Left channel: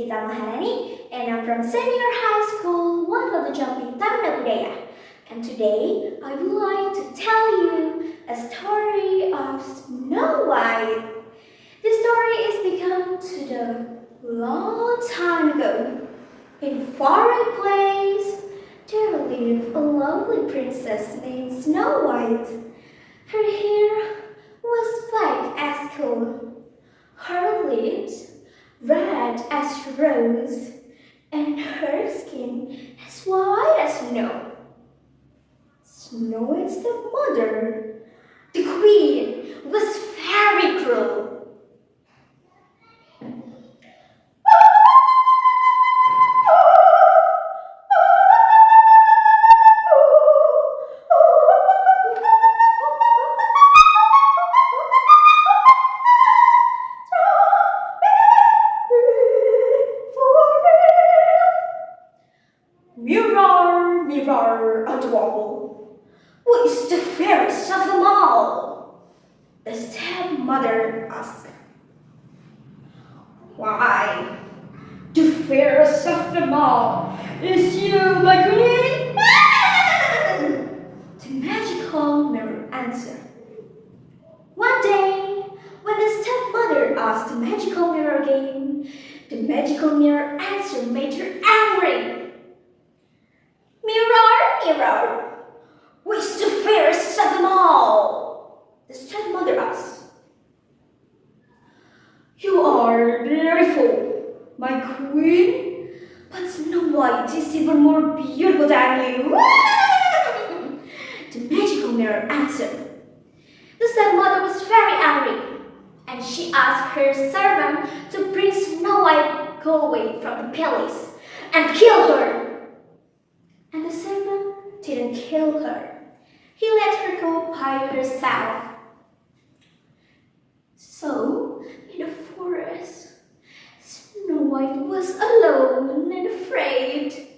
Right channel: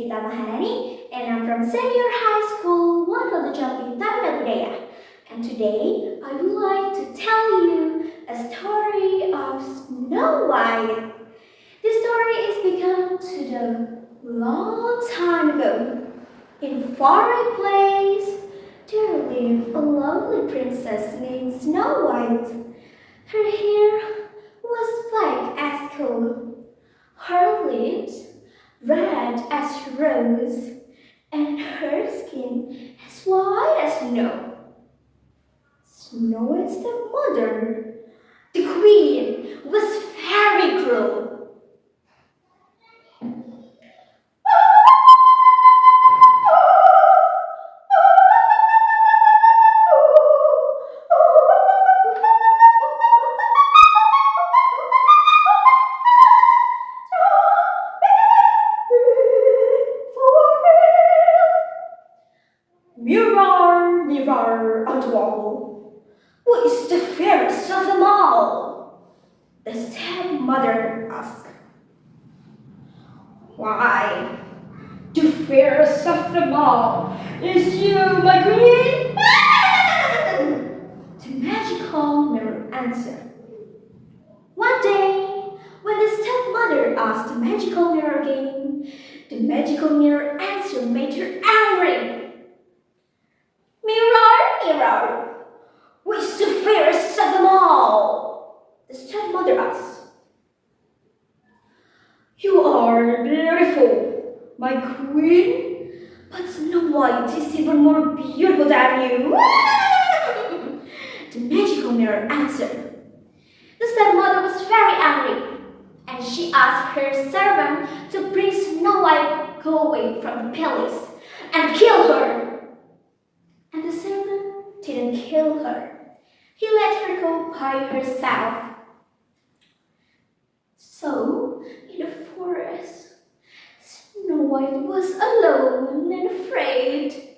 Gita Maharani, and I'm from Senior High School, ROGOJAMPI, TARUNA BUDAYA. And today I would like to tell you a story of Snow White. This story is begun to the long time ago. In far place, there lived a lovely princess named Snow White. Her hair was black as coal, her lips red as rose, and her skin as white as snow. Snow White's stepmother, the queen, was very cruel. Mirror, mirror on the wall, who is the fairest of them all? The stepmother asked. Why, the fairest of them all is you, my queen. The magical mirror answered. One day, when the stepmother asked the magical mirror again, the magical mirror answer made her angry. Mirror, mirror, who is the fairest of them all? The stepmother asked. You are beautiful, my queen, but Snow White is even more beautiful than you. The magical mirror answered. The stepmother was very angry, and she asked her servant to bring Snow White away from the palace and kill her. And the servant didn't kill her. He let her go by herself. So, in the forest, Snow White was alone and afraid.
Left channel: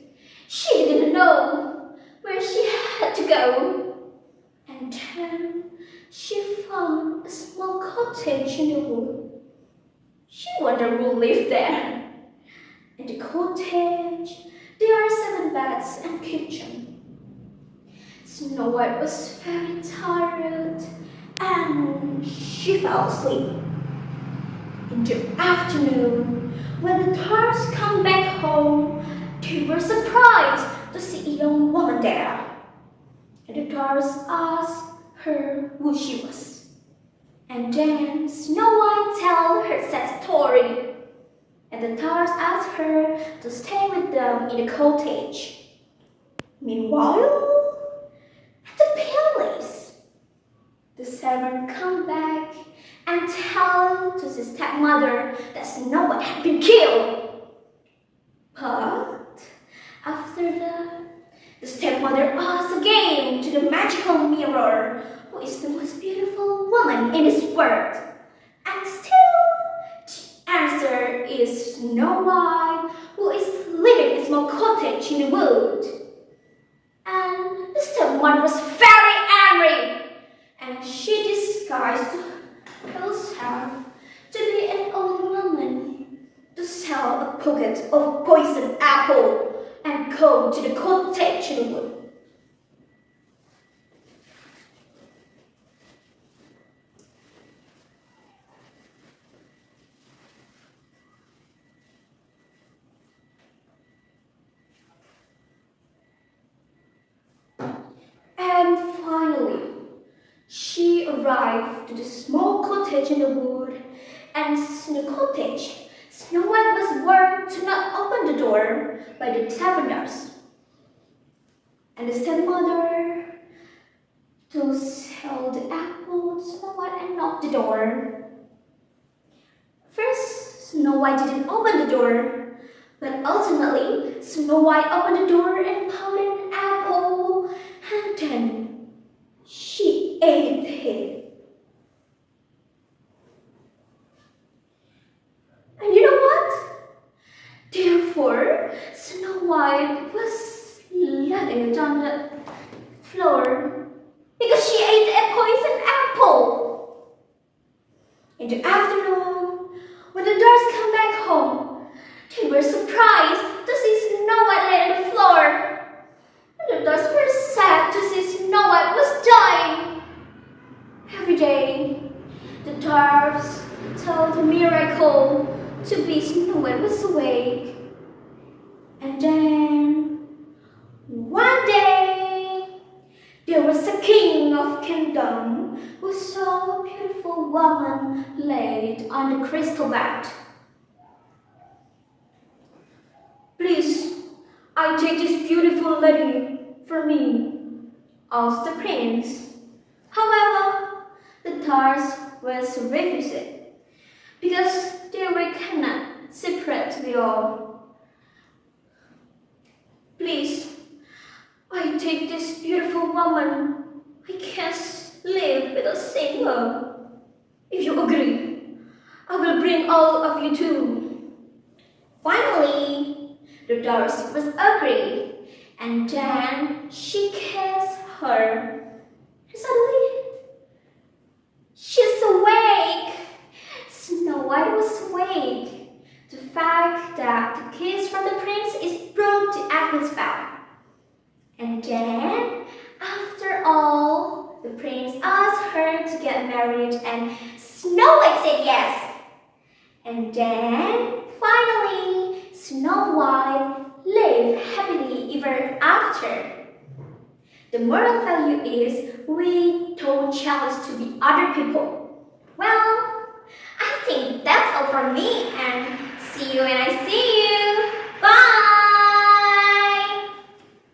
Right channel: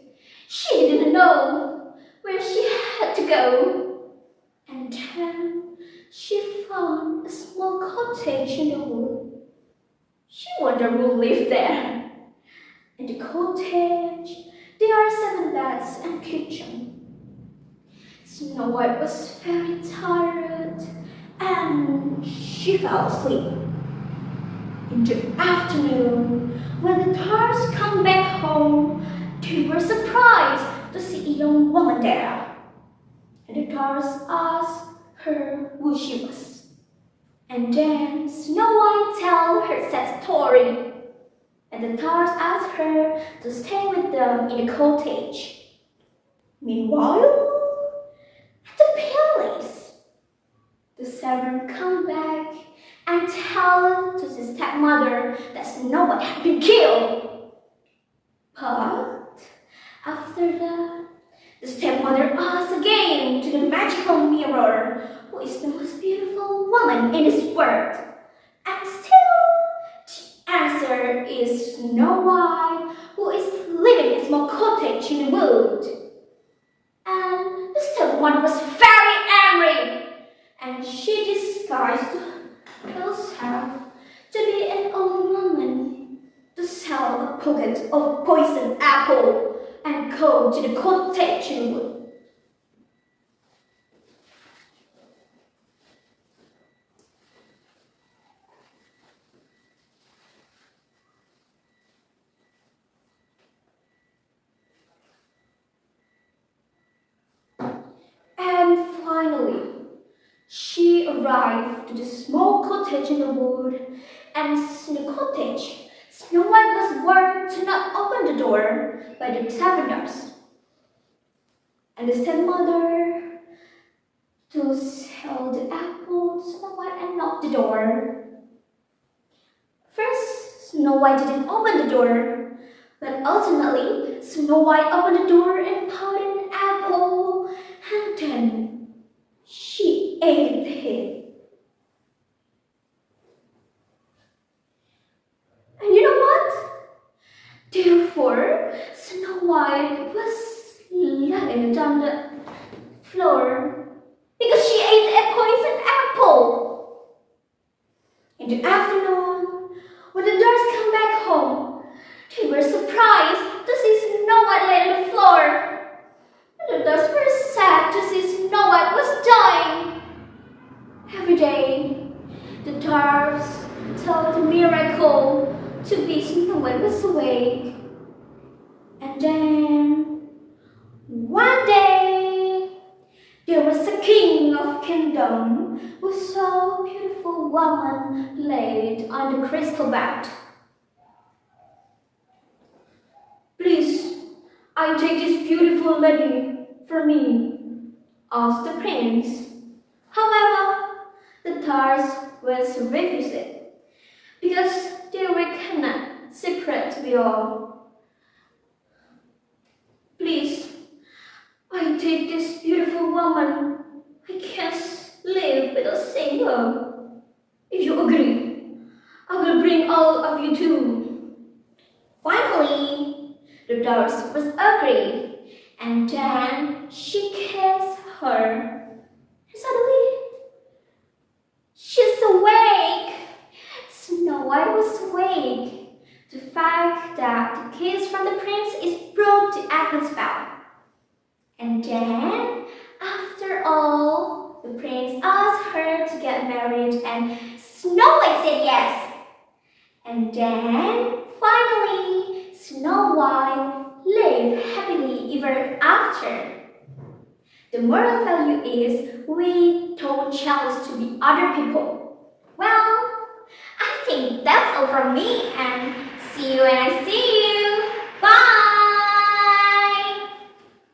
She didn't know where she had to go. And then she found a small cottage in the wood. She wondered who lived there. In the cottage, there are 7 beds and kitchen. Snow White was very tired and she fell asleep. In the afternoon, when the Tars come back home, they were surprised to see a young woman there. And the Tars asked her who she was. And then Snow White told her sad story. And the Tars asked her to stay with them in the cottage. Meanwhile, at the palace, the servant come back and tell to the stepmother that Snow White had been killed. But after that, the stepmother asked again to the magical mirror, who is the most beautiful woman in this world. And still, the answer is Snow White, who is living in a small cottage in the wood. And the stepmother was very angry, and she disguised herself to be an old woman to sell a pocket of poisoned apple and go to the cottage in the wood. And finally, she arrived to the small cottage in the wood, and in the cottage, Snow White was warned to not open the door by the taverners. And the stepmother to sell the apple to Snow White and knock the door. First, Snow White didn't open the door, but ultimately, Snow White opened the door and found an apple, and then she ate it. And you know what? Therefore, Snow White was lying on the floor because she ate a poisoned apple. In the afternoon, when the Dars come back home, They were surprised to see Snow White lay on the floor. And the dogs were sad to see Snow White was dying. Every day, the dwarfs told the miracle to be Snow White was awake. And then, one day, there was a king of kingdom who saw a beautiful woman laid on the crystal bed. Please, I take this beautiful lady for me, asked the prince. However, the dwarfs was refused because they were cannot separate to be all. Please, I take this beautiful woman. I can't live without seeing her. If you agree, I will bring all of you too. Finally, the dwarf was agree, and then she kissed her. And suddenly, she's awake. Snow White was awake. The fact that the kiss from the prince is broke the atmosphere. And then, after all, the prince asked her to get married and Snow White said yes. And then, finally, Snow White lived happily ever after. The moral value is we don't challenge to be other people. Well, I think that's all from me and see you when I see you. Bye!